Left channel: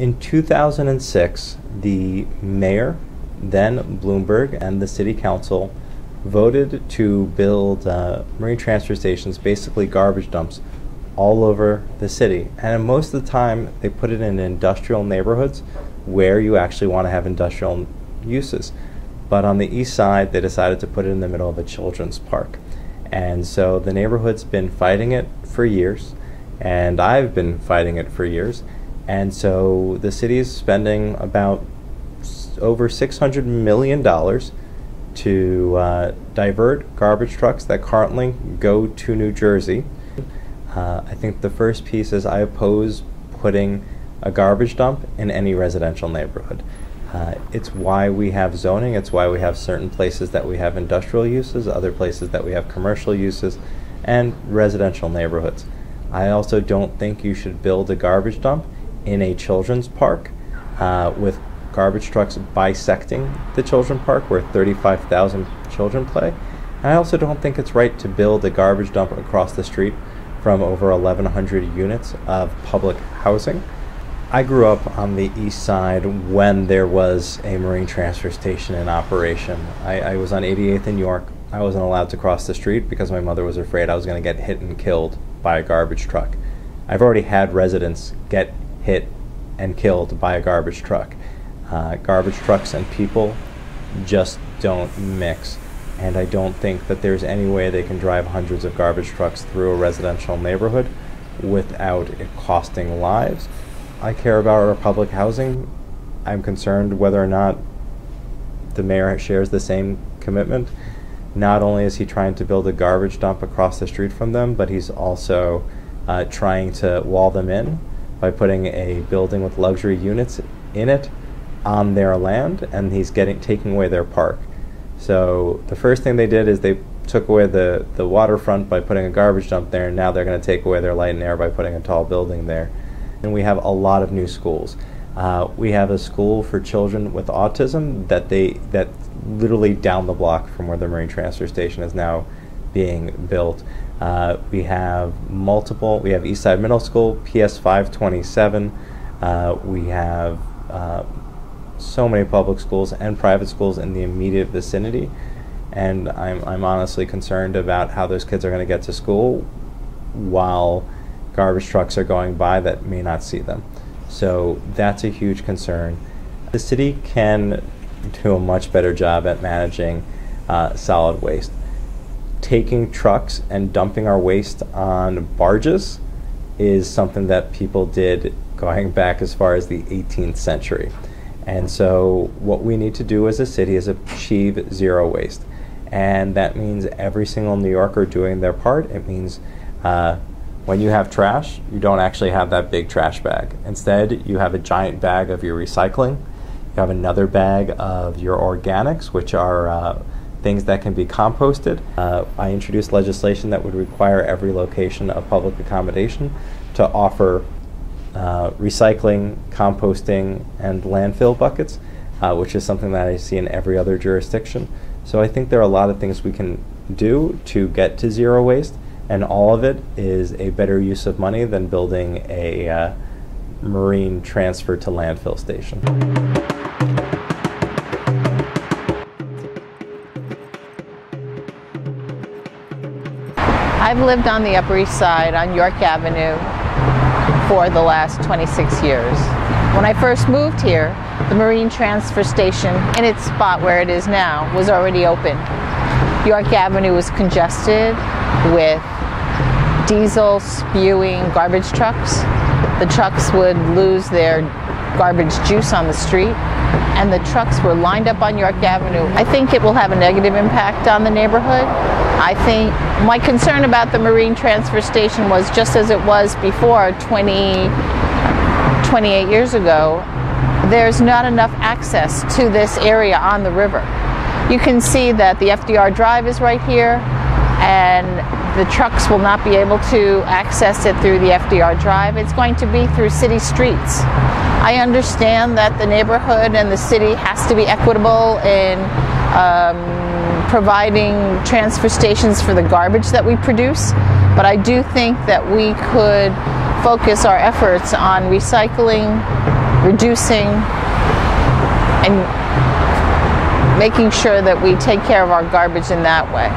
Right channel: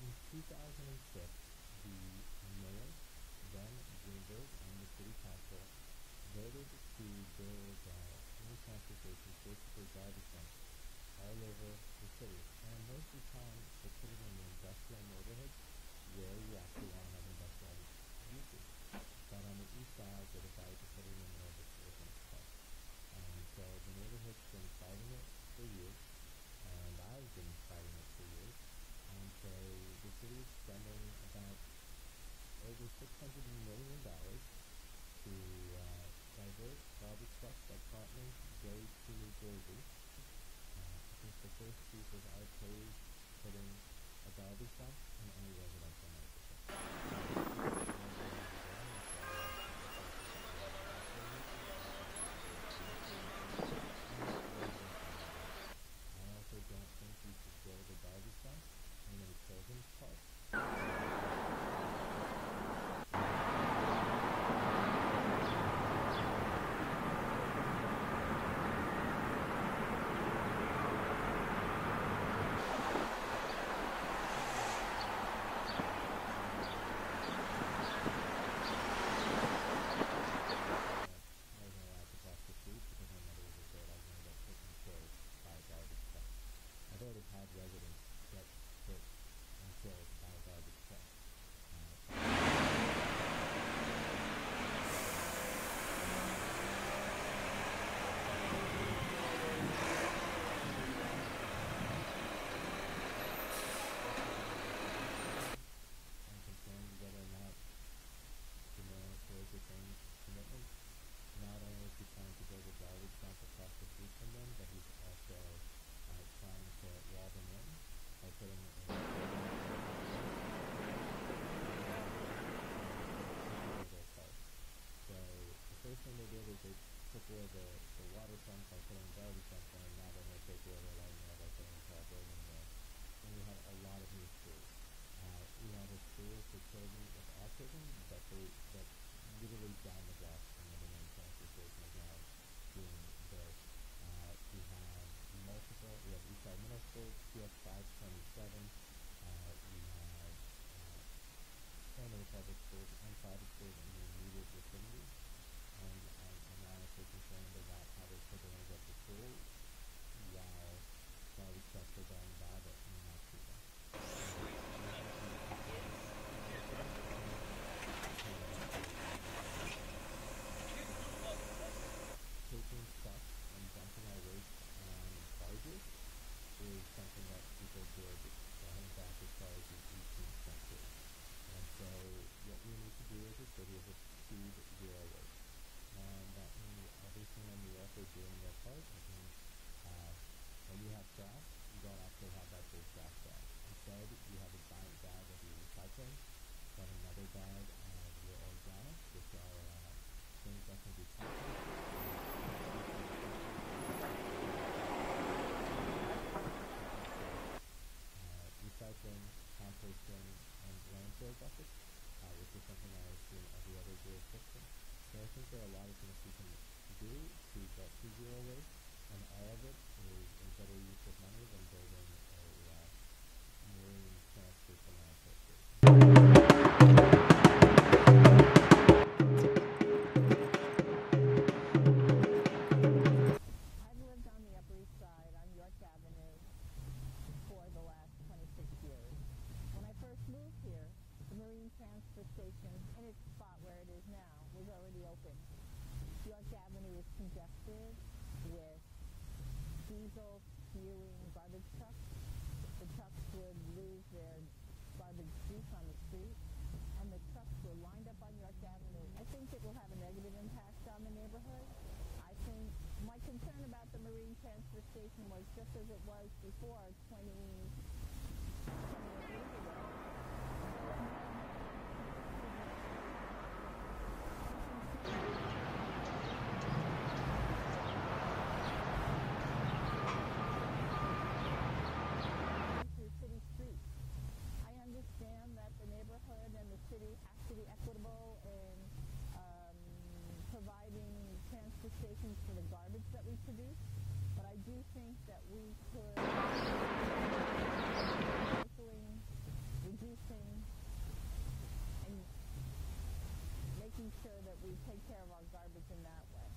In 2006, the mayor, then Bloomberg, and the city council voted to build marine transfer stations, basically garbage dumps, all over the city. And most of the time, they put it in industrial neighborhoods where you actually want to have industrial uses. But on the east side, they decided to put it in the middle of a children's park. And so the neighborhood's been fighting it for years, and I've been fighting it for years. And so the city is spending about over $600 million to divert garbage trucks that currently go to New Jersey. I think the first piece is I oppose putting a garbage dump in any residential neighborhood. It's why we have zoning, it's why we have certain places that we have industrial uses, other places that we have commercial uses, and residential neighborhoods. I also don't think you should build a garbage dump in a children's park with garbage trucks bisecting the children's park where 35,000 children play. And I also don't think it's right to build a garbage dump across the street from over 1,100 units of public housing. I grew up on the east side when there was a marine transfer station in operation. I was on 88th in York. I wasn't allowed to cross the street because my mother was afraid I was going to get hit and killed by a garbage truck. I've already had residents get hit and killed by a garbage truck. Garbage trucks and people just don't mix. And I don't think that there's any way they can drive hundreds of garbage trucks through a residential neighborhood without it costing lives. I care about our public housing. I'm concerned whether or not the mayor shares the same commitment. Not only is he trying to build a garbage dump across the street from them, but he's also trying to wall them in by putting a building with luxury units in it on their land, and he's taking away their park. So the first thing they did is they took away the waterfront by putting a garbage dump there, and now they're going to take away their light and air by putting a tall building there. And we have a lot of new schools. We have a school for children with autism that literally down the block from where the marine transfer station is now being built. We have Eastside Middle School, PS 527. We have so many public schools and private schools in the immediate vicinity, and I'm honestly concerned about how those kids are going to get to school while garbage trucks are going by that may not see them. So that's a huge concern. The city can do a much better job at managing solid waste. Taking trucks and dumping our waste on barges is something that people did going back as far as the 18th century. And so what we need to do as a city is achieve zero waste. And that means every single New Yorker doing their part. It means when you have trash, you don't actually have that big trash bag. Instead, you have a giant bag of your recycling. You have another bag of your organics, which are things that can be composted. I introduced legislation that would require every location of public accommodation to offer recycling, composting, and landfill buckets, which is something that I see in every other jurisdiction. So I think there are a lot of things we can do to get to zero waste, and all of it is a better use of money than building a marine transfer to landfill station. I've lived on the Upper East Side on York Avenue for the last 26 years. When I first moved here, the marine transfer station in its spot where it is now was already open. York Avenue was congested with diesel spewing garbage trucks. The trucks would lose their garbage juice on the street, and the trucks were lined up on York Avenue. I think it will have a negative impact on the neighborhood. I think my concern about the marine transfer station was just as it was before 28 years ago. There's not enough access to this area on the river. You can see that the FDR Drive is right here, and the trucks will not be able to access it through the FDR Drive. It's going to be through city streets. I understand that the neighborhood and the city has to be equitable in providing transfer stations for the garbage that we produce, but I do think that we could focus our efforts on recycling reducing and making sure that we take care of our garbage in that way.